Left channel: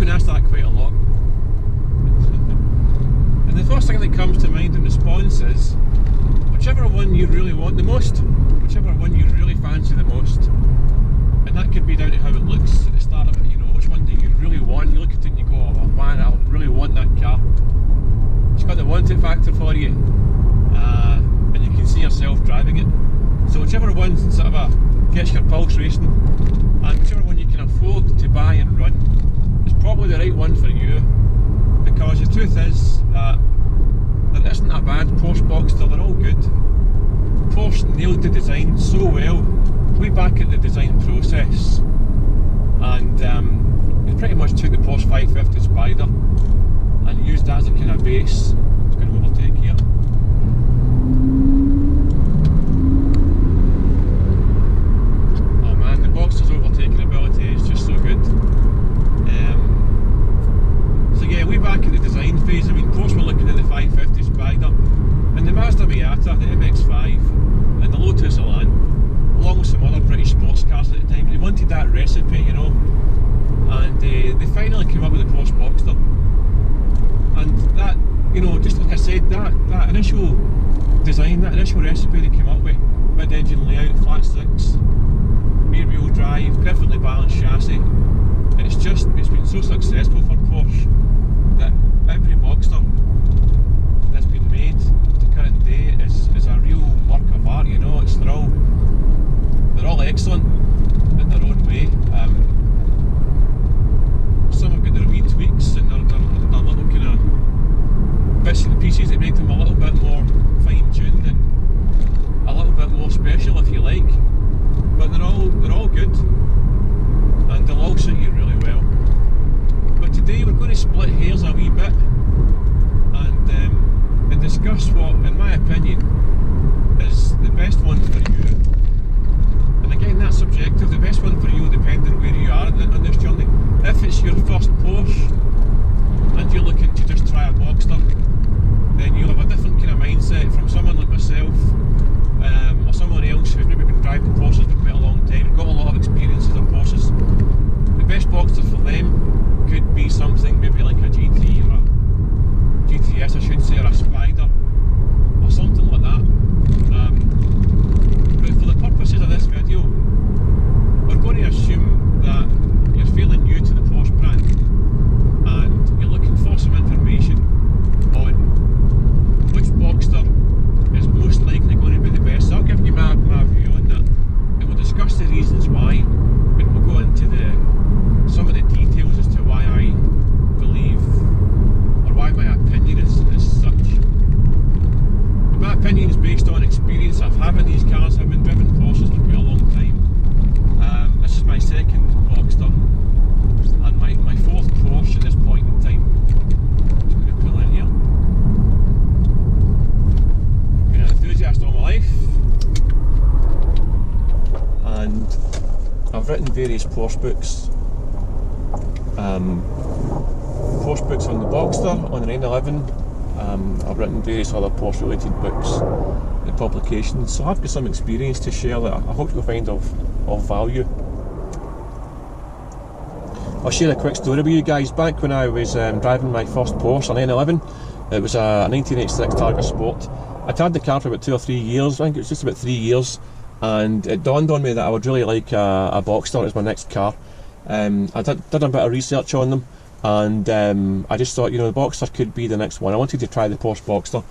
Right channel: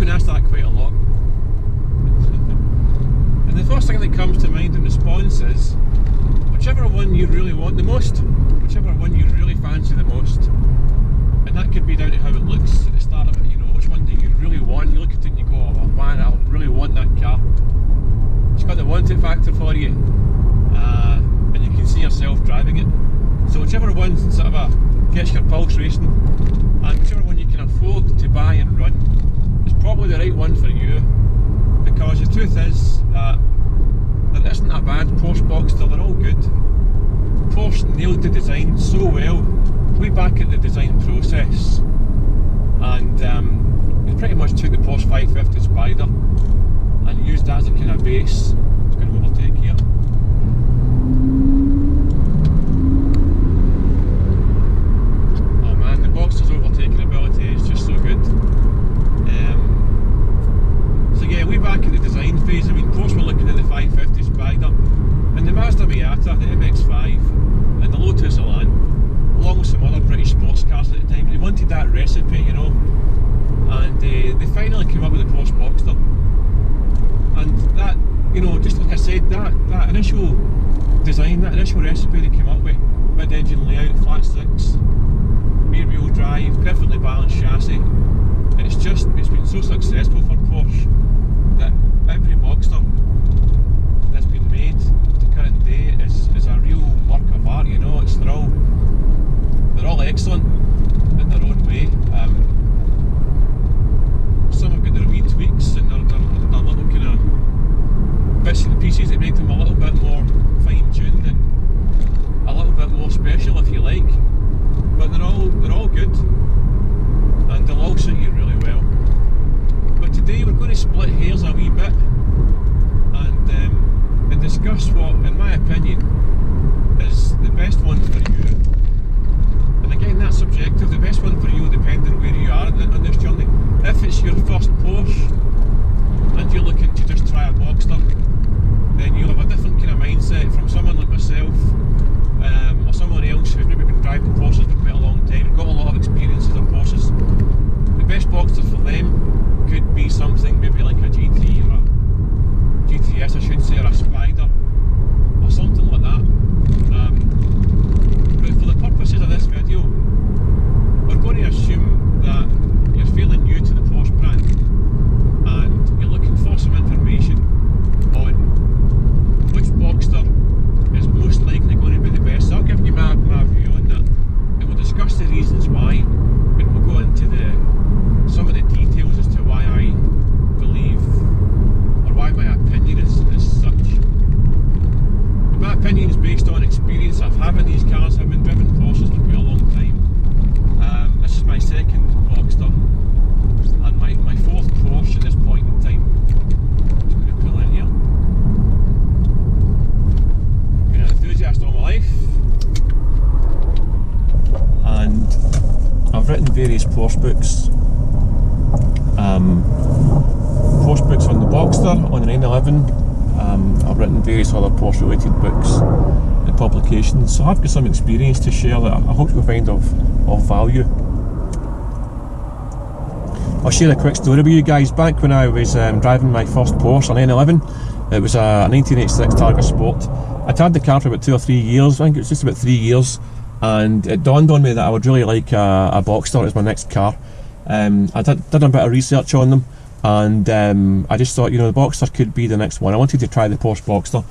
been asked that quite a lot. And the first thing that comes to mind in response is, whichever one you really want the most, whichever one you really fancy the most. And that could be down to how it looks at the start of it, you know, which one do you really want? You look at it and you go, oh man, I really want that car. It's got the want it factor for you, and you can see yourself driving it. So whichever one sort of gets your pulse racing, and whichever one you can afford to buy and run, is probably the right one for you. Because the truth is that there isn't a bad Porsche Boxster, they're all good. Porsche nailed the design so well, way back at the design process, and they pretty much took the Porsche 550 Spider and used that as a kind of base. It's going to overtake here. Oh man, the Boxster's overtaking ability is just so good. So yeah, way back in the design phase, I mean, Porsche were looking at the 550 Spider and the Mazda Miata, the MX-5 and the Lotus Elan, along with some other British sports cars at the time. They wanted that recipe, you know, and they finally came up with the Porsche Boxster. And that, you know, just like I said, that initial design, that initial recipe they came up with, mid-engine layout, flat six, rear-wheel drive, perfectly balanced chassis, and it's been so successful for Porsche that every Boxster that's been made to current day is a real work of art, you know. They're all excellent in their own way. Some have got their wee tweaks and their little kind of bits and pieces that make them a little bit more fine-tuned and a little bit more special, if you like. But they're all good, and they'll all suit you really well. But today we're going to split hairs a wee bit and discuss what, in my opinion, is the best one for you. And again, that's subjective. The best one for you will depend on where you are on this journey. If it's your first Porsche and you're looking to just try a Boxster, then you'll have a different kind of mindset from someone like myself, or someone else who's maybe been driving Porsches for quite a long time and got a lot of experiences on Porsches. The best Boxster for them could be something maybe like a GT or a GTS, I should say, or a Spider, or something like that. But for the purposes of this video, we're going to assume that you're fairly new to the Porsche brand and you're looking for some information on which Boxster is most likely going to be the best. So I'll give you my view on that, and we'll discuss the reasons why, and we'll go into some of the details as to why I believe, or why my opinion is such. But my opinion is based on experience of having these cars. I've been driving Porsches for quite a long time. This is my second Boxster and my fourth Porsche at this point in time. Just going to pull in here. Been an enthusiast all my life, and I've written various Porsche books. Porsche books on the Boxster, on the 911. I've written various other Porsche related books and publications, so I've got some experience to share that I hope you'll find of value. I'll share a quick story with you guys. Back when I was driving my first Porsche, a 911, it was a 1986 Targa Sport. I'd had the car for about 2 or 3 years, I think it was just about 3 years, and it dawned on me that I would really like a Boxster as my next car. I did a bit of research on them, and I just thought, you know, the Boxster could be the next one. I wanted to try the Porsche Boxster,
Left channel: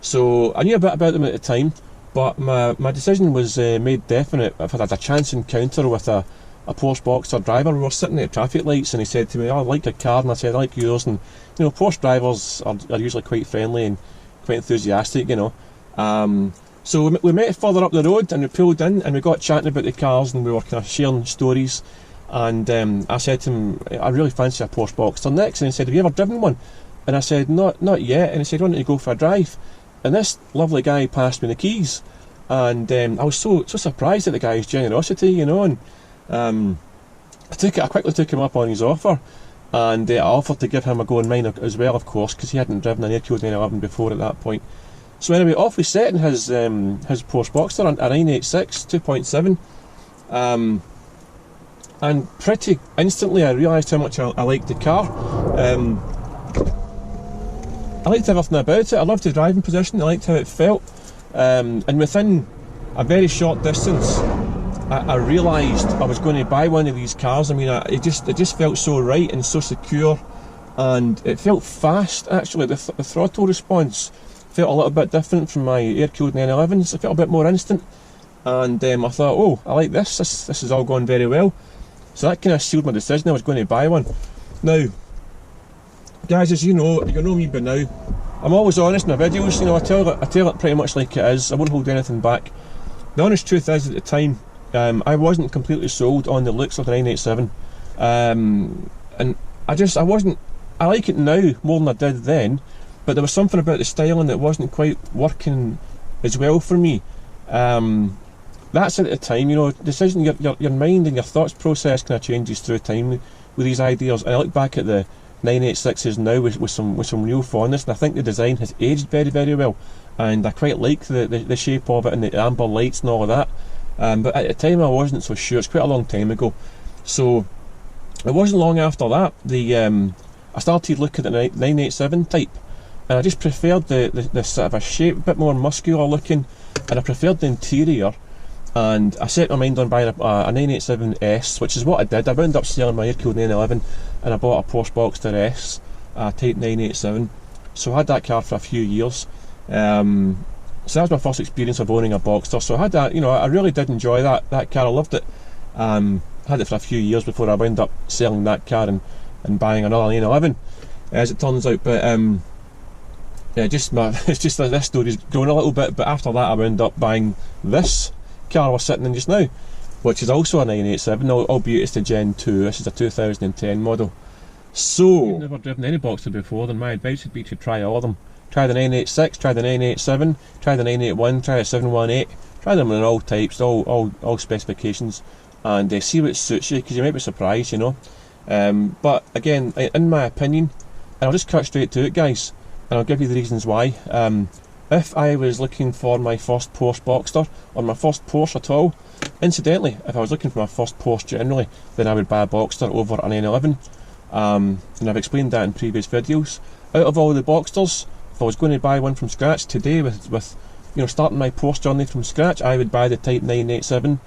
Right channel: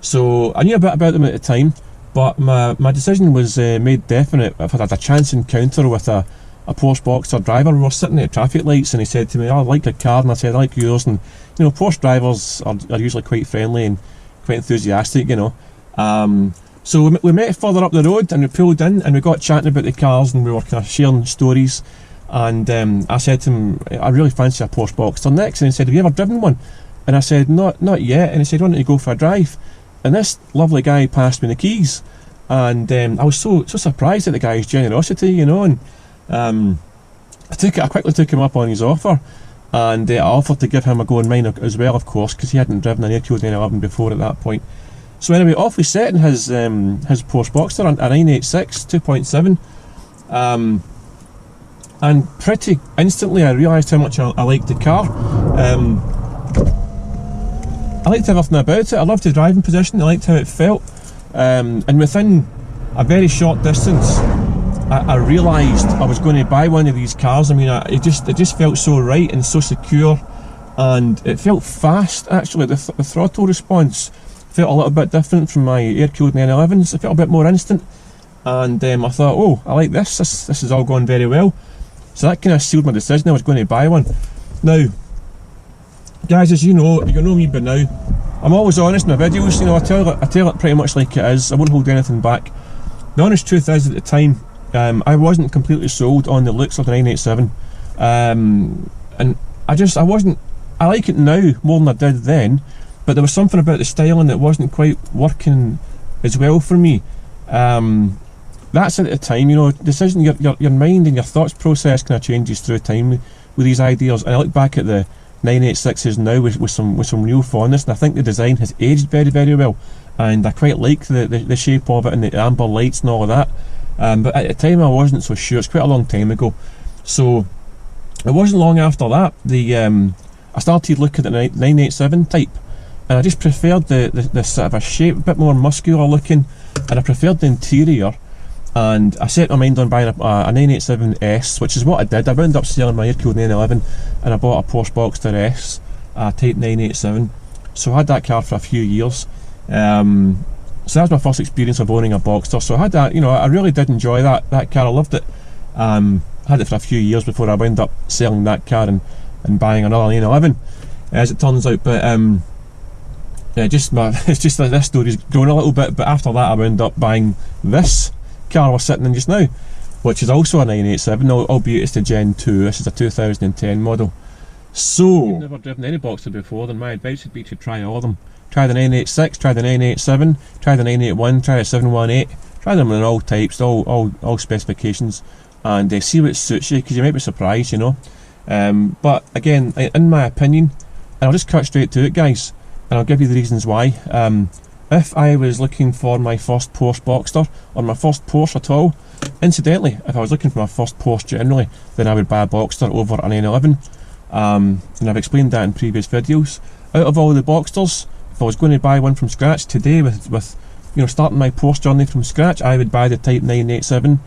so I knew a bit about them at the time, but my decision was made definite. I've had a chance encounter with a Porsche Boxster driver. We were sitting at traffic lights and he said to me, "Oh, I like your car," and I said, "I like yours." And you know, Porsche drivers are usually quite friendly and quite enthusiastic, you know. So we met further up the road and we pulled in and we got chatting about the cars and we were kind of sharing stories. And I said to him, "I really fancy a Porsche Boxster next." And he said, "Have you ever driven one?" And I said, Not yet." And he said, "Why don't you go for a drive?" And this lovely guy passed me the keys, and I was so surprised at the guy's generosity, you know. And I quickly took him up on his offer, and I offered to give him a go in mine as well, of course, because he hadn't driven an air-cooled 911 before at that point. So anyway, off we set in his Porsche Boxster, a 986 2.7. and pretty instantly I realised how much I liked the car. I liked everything about it. I loved the driving position, I liked how it felt, and within a very short distance I realised I was going to buy one of these cars. I mean, it just felt so right and so secure, and it felt fast actually. The throttle response felt a little bit different from my air-cooled 911s. It felt a bit more instant, and I thought, oh, I like this is all going very well. So that kind of sealed my decision. I was going to buy one. Now, guys, as you know me by now, I'm always honest in my videos. You know, I tell it pretty much like it is. I won't hold anything back. The honest truth is, at the time, I wasn't completely sold on the looks of the 987, and I wasn't. I like it now more than I did then, but there was something about the styling that wasn't quite working as well for me. That's at the time, you know, decision, your mind and your thoughts process kind of changes through time with these ideas. And I look back at the 986s now with some real fondness, and I think the design has aged very, very well, and I quite like the shape of it and the amber lights and all of that. But at the time I wasn't so sure. It's quite a long time ago. So it wasn't long after that I started looking at the 987 type, and I just preferred the sort of a shape, a bit more muscular looking, and I preferred the interior. And I set my mind on buying a 987S, which is what I did. I wound up selling my air-cooled 911 and I bought a Porsche Boxster S, Type 987. So I had that car for a few years. So that was my first experience of owning a Boxster. So I had that, you know, I really did enjoy that car. I loved it. Had it for a few years before I wound up selling that car and buying another 911, as it turns out. But it's just like this story's grown a little bit. But after that I wound up buying this car we're sitting in just now, which is also a 987, albeit it's the Gen 2. This is a 2010 model. So, if you've never driven any Boxster before, then my advice would be to try all of them. Try the 986, try the 987, try the 981, try the 718, try them in all types, all specifications, and see what suits you, because you might be surprised, you know. But again, in my opinion, and I'll just cut straight to it, guys, and I'll give you the reasons why. If I was looking for my first Porsche Boxster, or my first Porsche at all, incidentally, if I was looking for my first Porsche generally, then I would buy a Boxster over a 911. And I've explained that in previous videos. Out of all the Boxsters, if I was going to buy one from scratch today, with you know, starting my Porsche journey from scratch, I would buy the Type 987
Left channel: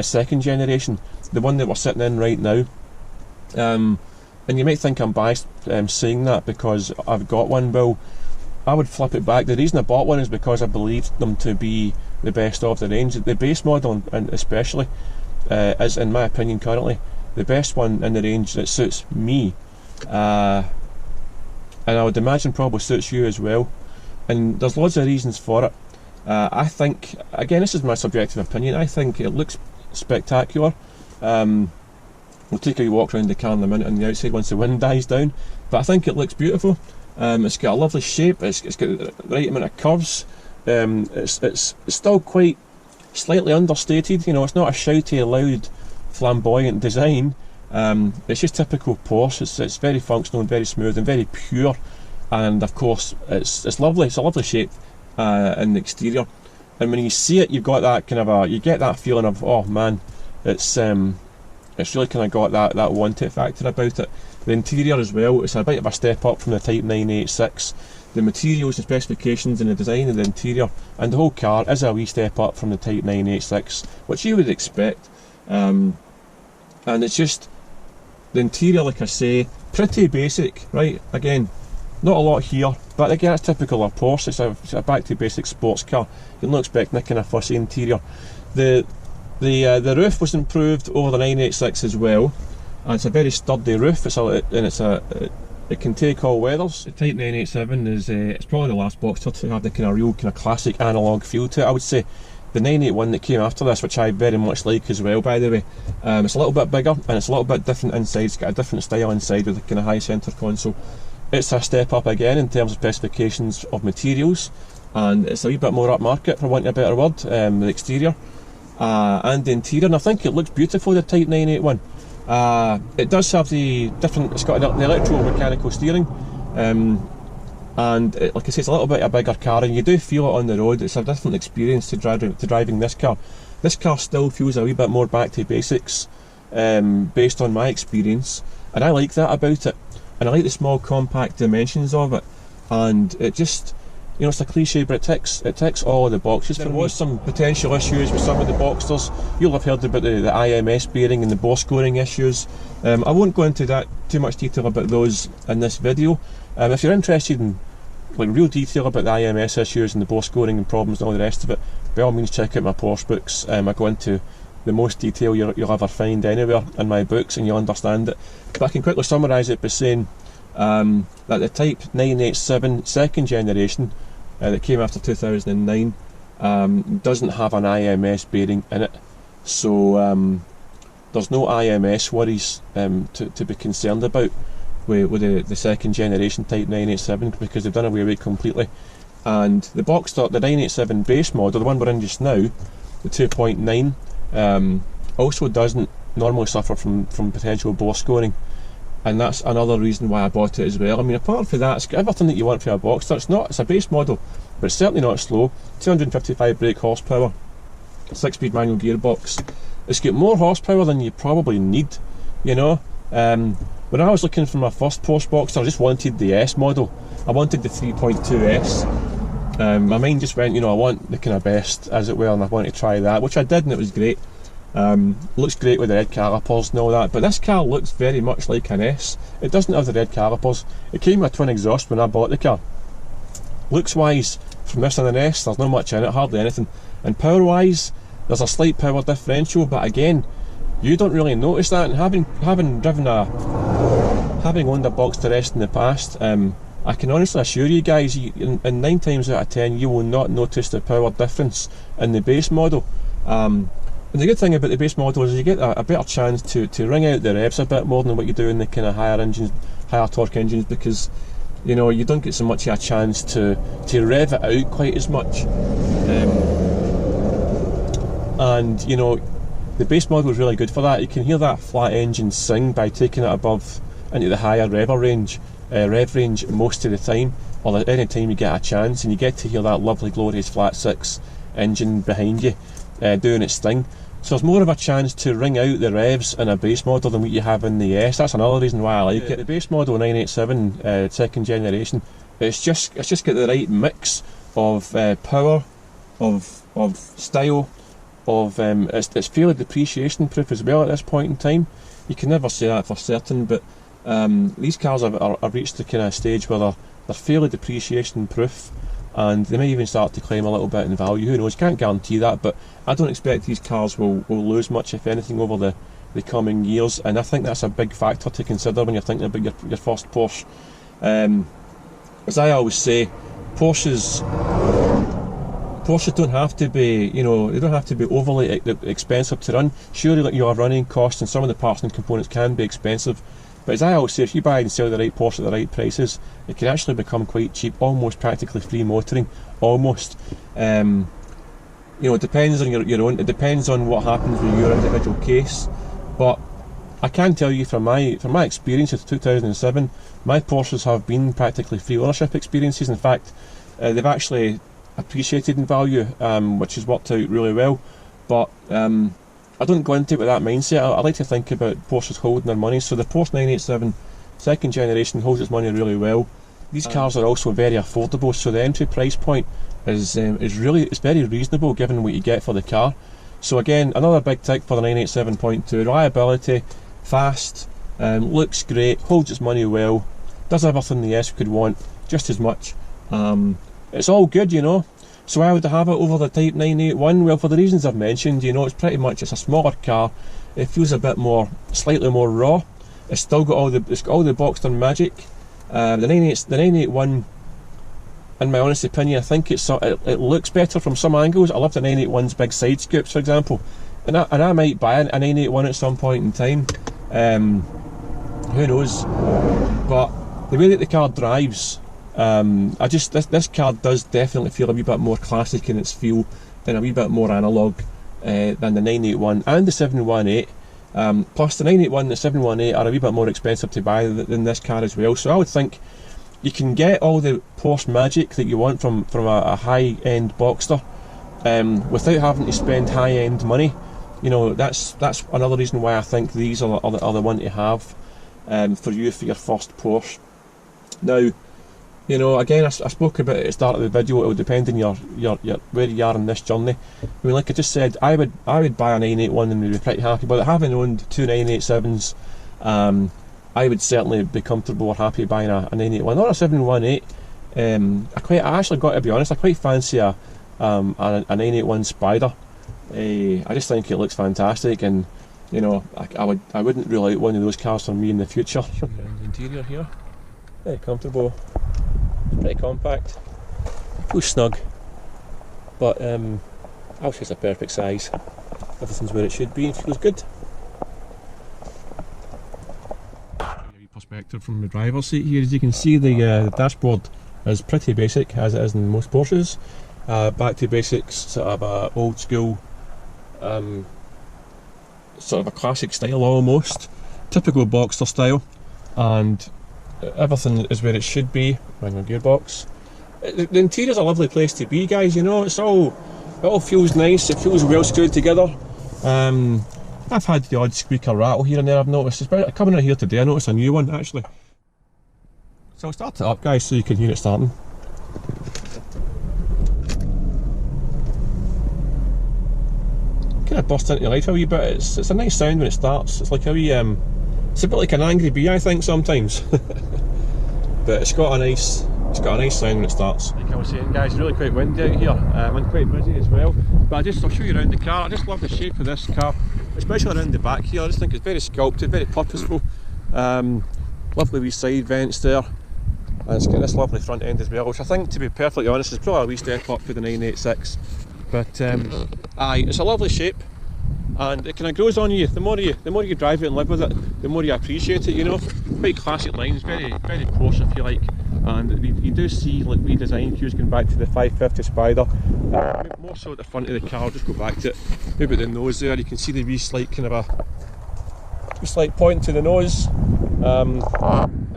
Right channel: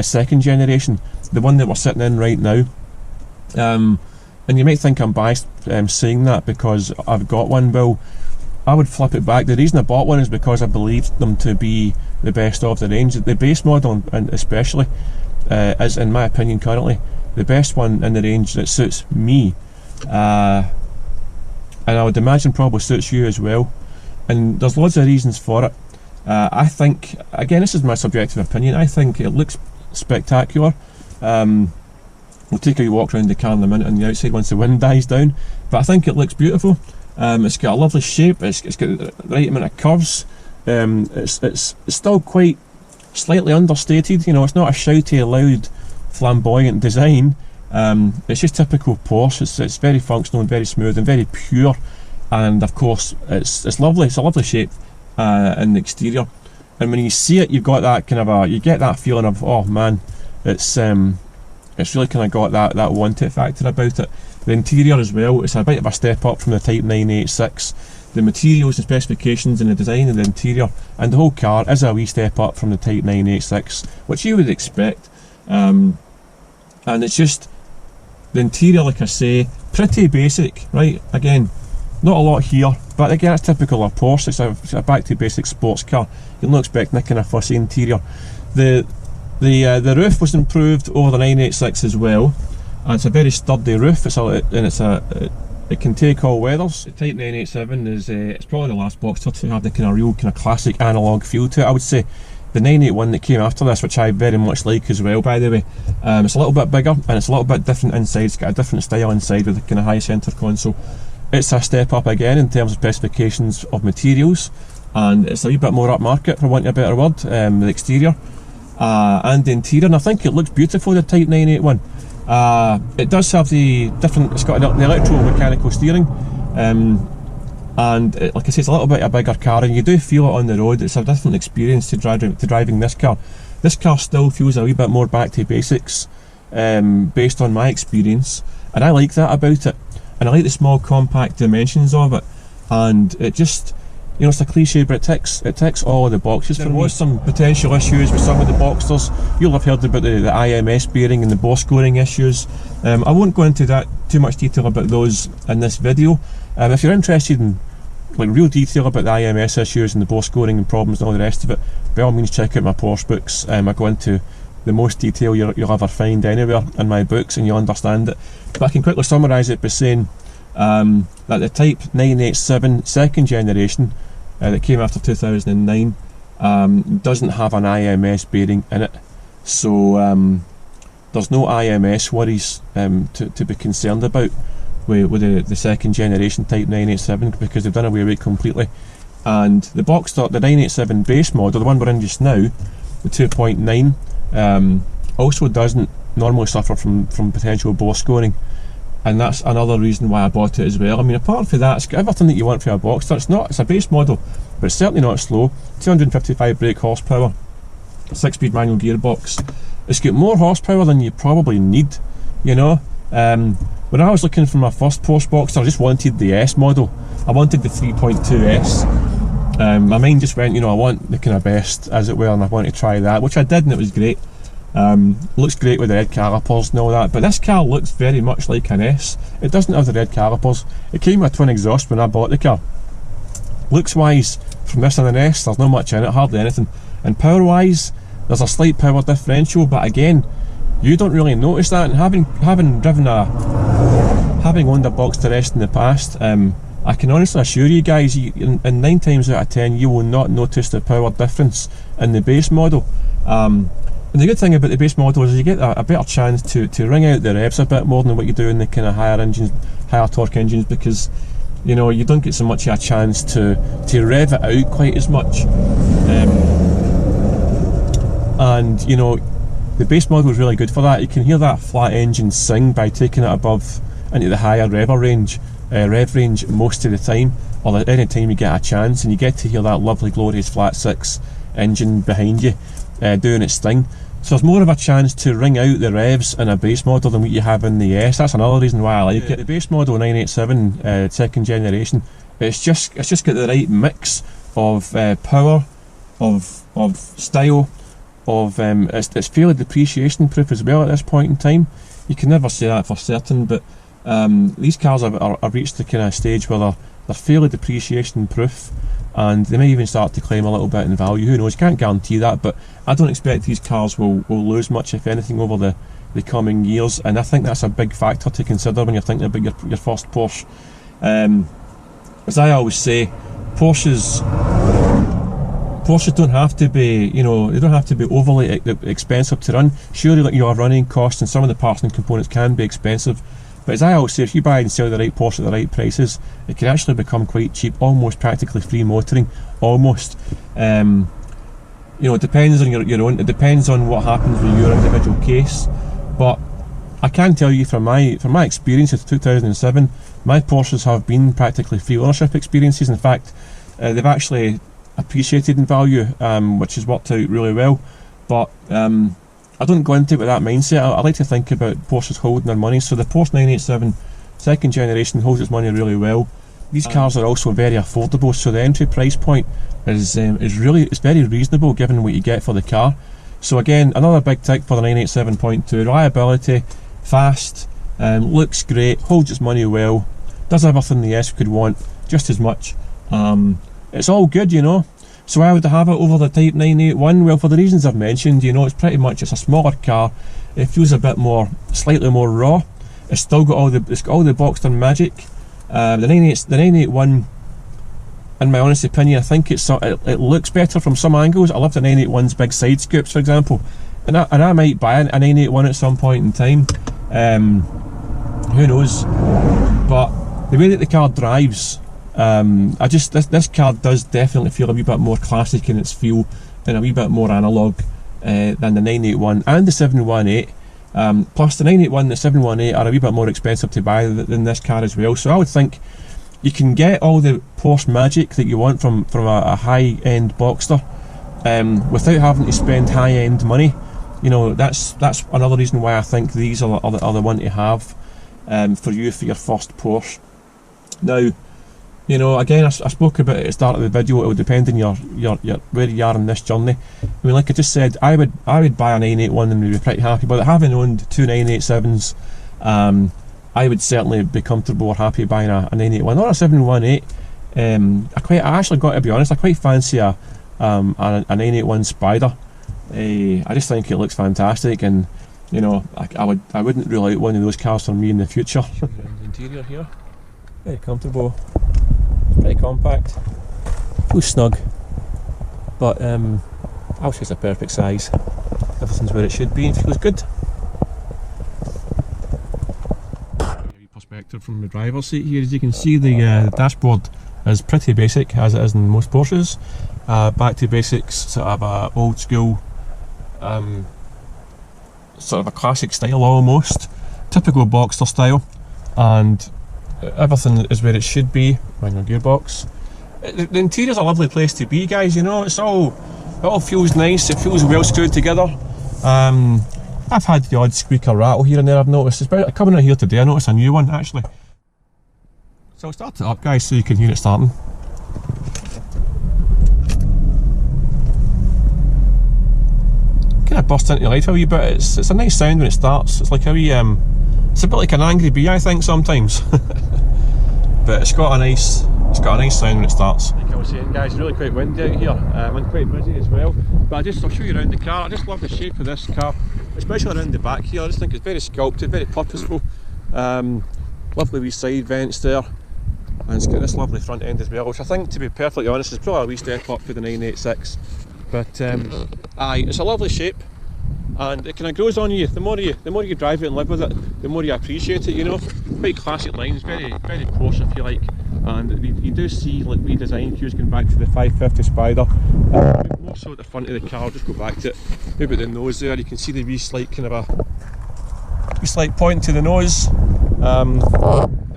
second generation, the one that we're sitting in right now. And you might think I'm biased saying that because I've got one. Well, I would flip it back. The reason I bought one is because I believed them to be the best of the range. The base model, and especially, is, in my opinion currently, the best one in the range that suits me. And I would imagine probably suits you as well. And there's loads of reasons for it. I think, again, this is my subjective opinion, I think it looks spectacular. We'll take a walk around the car in a minute on the outside once the wind dies down, but I think it looks beautiful. It's got a lovely shape, it's got the right amount of curves. It's still quite slightly understated, you know, it's not a shouty, loud, flamboyant design. It's just typical Porsche. It's very functional and very smooth and very pure, and of course it's lovely. It's a lovely shape in the exterior, and when you see it, you've got that kind of you get that feeling of, oh man, it's really kind of got that want it factor about it. The interior as well, it's a bit of a step up from the Type 986. The materials and specifications and the design of the interior and the whole car is a wee step up from the Type 986, which you would expect. And it's just the interior, like I say, pretty basic, right? Again, not a lot here, but again, it's typical of Porsche. It's a back to basic sports car. You'll not expect any kind of fussy interior. The roof was improved over the 986 as well, and it's a very sturdy roof. It can take all weathers. The Type 987 is it's probably the last Boxster to have the kind of real kind of classic analogue feel to it, I would say. The 981 that came after this, which I very much like as well, by the way, it's a little bit bigger and it's a little bit different inside. It's got a different style inside with a kind of high centre console. It's a step up again in terms of specifications of materials, and it's a wee bit more upmarket, for want of a better word. The exterior and the interior, and I think it looks beautiful, the Type 981. It does have the different, it's got the electromechanical steering, and like I say, it's a little bit a bigger car, and you do feel it on the road. It's a different experience to driving this car. This car still feels a wee bit more back to basics. based on my experience, and I like that about it, and I like the small compact dimensions of it, and it just, you know, it's a cliche, but it ticks all the boxes. There was some potential issues with some of the Boxsters. You'll have heard about the IMS bearing and the bore scoring issues. I won't go into that too much detail about those in this video. If you're interested in like real detail about the IMS issues and the bore scoring and problems and all the rest of it, by all means check out my Porsche books. I go into the most detail you'll ever find anywhere in my books, and you'll understand it. But I can quickly summarise it by saying that the Type 987 second generation that came after 2009 doesn't have an IMS bearing in it, so there's no IMS worries to be concerned about with the second generation Type 987, because they've done away with it completely. And the Boxster, the 987 base model, the one we're in just now, the 2.9, also doesn't normally suffer from potential bore scoring, and that's another reason why I bought it as well. I mean, apart from that, it's got everything that you want from a Boxster. It's a base model, but it's certainly not slow. 255 brake horsepower, 6-speed manual gearbox. It's got more horsepower than you probably need, you know. When I was looking for my first Porsche Boxster, I just wanted the S model. I wanted the 3.2S. My mind just went, you know, I want the kind of best, as it were, and I want to try that, which I did, and it was great. Looks great with the red calipers and all that, but this car looks very much like an S. It doesn't have the red calipers. It came with a twin exhaust when I bought the car. Looks wise, from this and an S, there's not much in it, hardly anything. And power wise, there's a slight power differential, but again, you don't really notice that. And having owned a Boxster S in the past, I can honestly assure you guys, in 9 times out of 10 you will not notice the power difference in the base model. And the good thing about the base model is you get a better chance to wring out the revs a bit more than what you do in the kind of higher torque engines, because you know, you don't get so much of a chance to rev it out quite as much. And you know, the base model is really good for that. You can hear that flat engine sing by taking it above into the higher rev range most of the time, or any time you get a chance, and you get to hear that lovely glorious flat 6 engine behind you doing its thing. So there's more of a chance to wring out the revs in a base model than what you have in the S. That's another reason why I like it. The base model 987 second generation, it's just got the right mix of power, of style, of it's fairly depreciation proof as well at this point in time. You can never say that for certain, but these cars have reached the kind of stage where they're fairly depreciation proof, and they may even start to climb a little bit in value. Who knows? Can't guarantee that, but I don't expect these cars will lose much, if anything, over the coming years, and I think that's a big factor to consider when you're thinking about your first Porsche. As I always say, Porsches don't have to be, you know, they don't have to be overly expensive to run. Surely, like, your running costs and some of the parts and components can be expensive, but as I always say, if you buy and sell the right Porsche at the right prices, it can actually become quite cheap, almost practically free motoring, almost. You know, it depends on your own. It depends on what happens with your individual case, but I can tell you from my experience of 2007, my Porsches have been practically free ownership experiences. In fact, they've actually appreciated in value, which has worked out really well. But I don't go into it with that mindset. I like to think about Porsches holding their money. So the Porsche 987 second generation holds its money really well. These cars are also very affordable, so the entry price point is very reasonable given what you get for the car. So again, another big tick for the 987.2. Reliability, fast, looks great, holds its money well, does everything the S could want, just as much. It's all good, you know. So I would have it over the Type 981. Well, for the reasons I've mentioned, you know, it's a smaller car. It feels a bit more, slightly more raw. It's still got all the Boxster magic. The 981, in my honest opinion, I think it looks better from some angles. I love the 981's big side scoops, for example, and I might buy a 981 at some point in time. Who knows? But the way that the car drives, this car does definitely feel a wee bit more classic in its feel, and a wee bit more analogue than the 981 and the 718. Plus the 981 and the 718 are a wee bit more expensive to buy than this car as well. So I would think you can get all the Porsche magic that you want from a high-end Boxster without having to spend high-end money. you know, that's another reason why I think these are the one to have for you for your first Porsche. Now, you know, again, I spoke about it at the start of the video. It will depend on your where you are in this journey. I mean, like I just said, I would buy a 981 and be pretty happy. But having owned two 987s, I would certainly be comfortable or happy buying a 981, not a 718. I actually got to be honest, I quite fancy a 981 Spider. I just think it looks fantastic, and you know, I wouldn't rule out one of those cars for me in the future. The interior here, very comfortable, pretty compact, feels snug, but I would say it's a perfect size. Everything's where it should be and feels good. Perspective from the driver's seat here. As you can see, the dashboard is pretty basic, as it is in most Porsches. Back to basics, sort of a old school, sort of a classic style almost, typical Boxster style, and everything is where it should be. Manual gearbox. The interior's a lovely place to be, guys. You know, it all feels nice. It feels well screwed together. I've had the odd squeak or rattle here and there, I've noticed. Especially coming in here today, I noticed a new one actually. So I'll start it up, guys, so you can hear it starting. Kind of burst into life a wee bit. It's a nice sound when it starts. It's like a wee, it's a bit like an angry bee, I think, sometimes. But it's got a nice sound when it starts. Like I was saying, guys, it's really quite windy out here, and quite busy as well. But I'll show you around the car. I just love the shape of this car, especially around the back here. I just think it's very sculpted, very purposeful. Lovely wee side vents there, and it's got this lovely front end as well, which I think, to be perfectly honest, is probably a wee step up for the 986. But aye, it's a lovely shape, and it kind of grows on you. The more you drive it and live with it, the more you appreciate it. You know, quite classic lines, very Porsche if you like. And you do see like wee design cues going back to the 550 Spider. More so at the front of the car. Just go back to it. Maybe the nose there. You can see the wee slight kind of a slight point to the nose.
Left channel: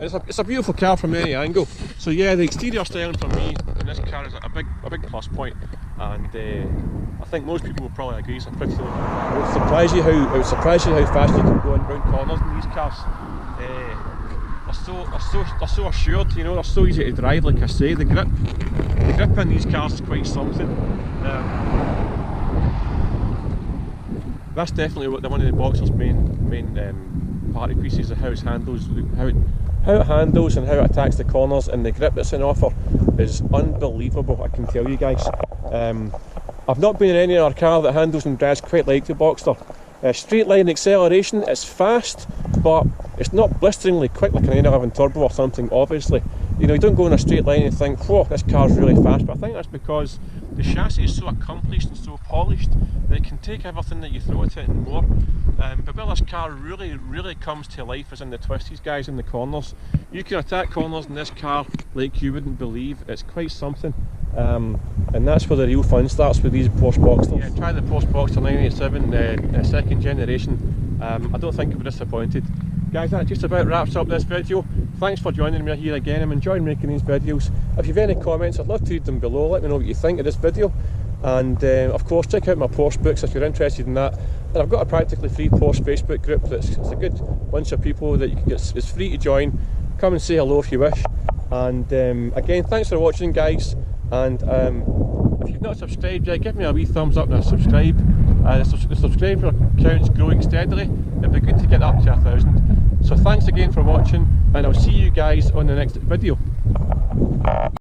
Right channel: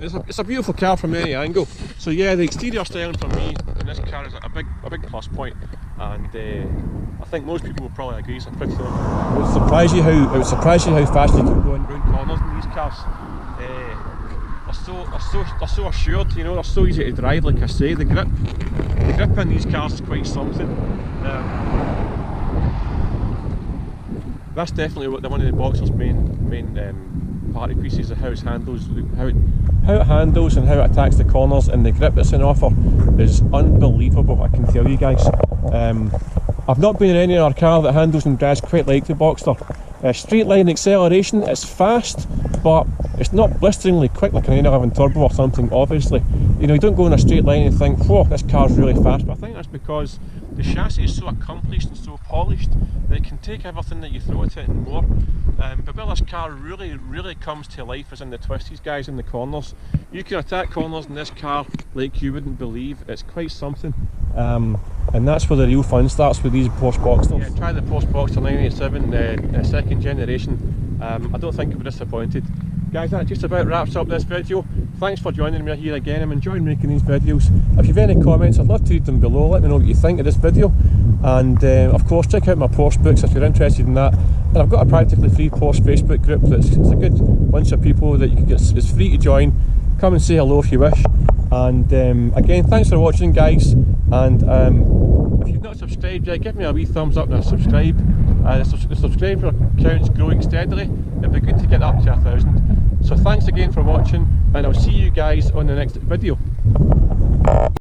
It's a beautiful car from any angle. So yeah, the exterior styling for me in this car is a big plus point, and I think most people will probably agree. It's a pretty good car. It would surprise you how fast you can go around corners in these cars. They're so assured, you know, they're so easy to drive. Like I say, the grip in these cars is quite something. That's definitely one of the Boxster's main party pieces, of how it handles and how it attacks the corners, and the grip that's on offer is unbelievable, I can tell you guys. I've not been in any other car that handles and drives quite like the Boxster. Straight line acceleration, it's fast, but it's not blisteringly quick like an 911 turbo or something, obviously. You know, you don't go in a straight line and think, whoa, this car's really fast, but I think that's because the chassis is so accomplished and so polished that it can take everything that you throw at it and more. But where this car really comes to life is in the twisties, guys, in the corners. You can attack corners in this car like you wouldn't believe. It's quite something. And that's where the real fun starts with these Porsche Boxsters. Yeah, try the Porsche Boxster 987 second generation. I don't think you'll be disappointed. Guys, that just about wraps up this video. Thanks for joining me here again. I'm enjoying making these videos. If you've any comments, I'd love to read them below. Let me know what you think of this video. And of course, check out my Porsche books if you're interested in that. And I've got a practically free Porsche Facebook group it's a good bunch of people that you can get. It's free to join. Come and say hello if you wish. And again, thanks for watching, guys. And if you've not subscribed yet, give me a wee thumbs up and a subscribe. The subscriber count's growing steadily. It'd be good to get up to 1,000. So thanks again for watching, and I'll see you guys on the next video.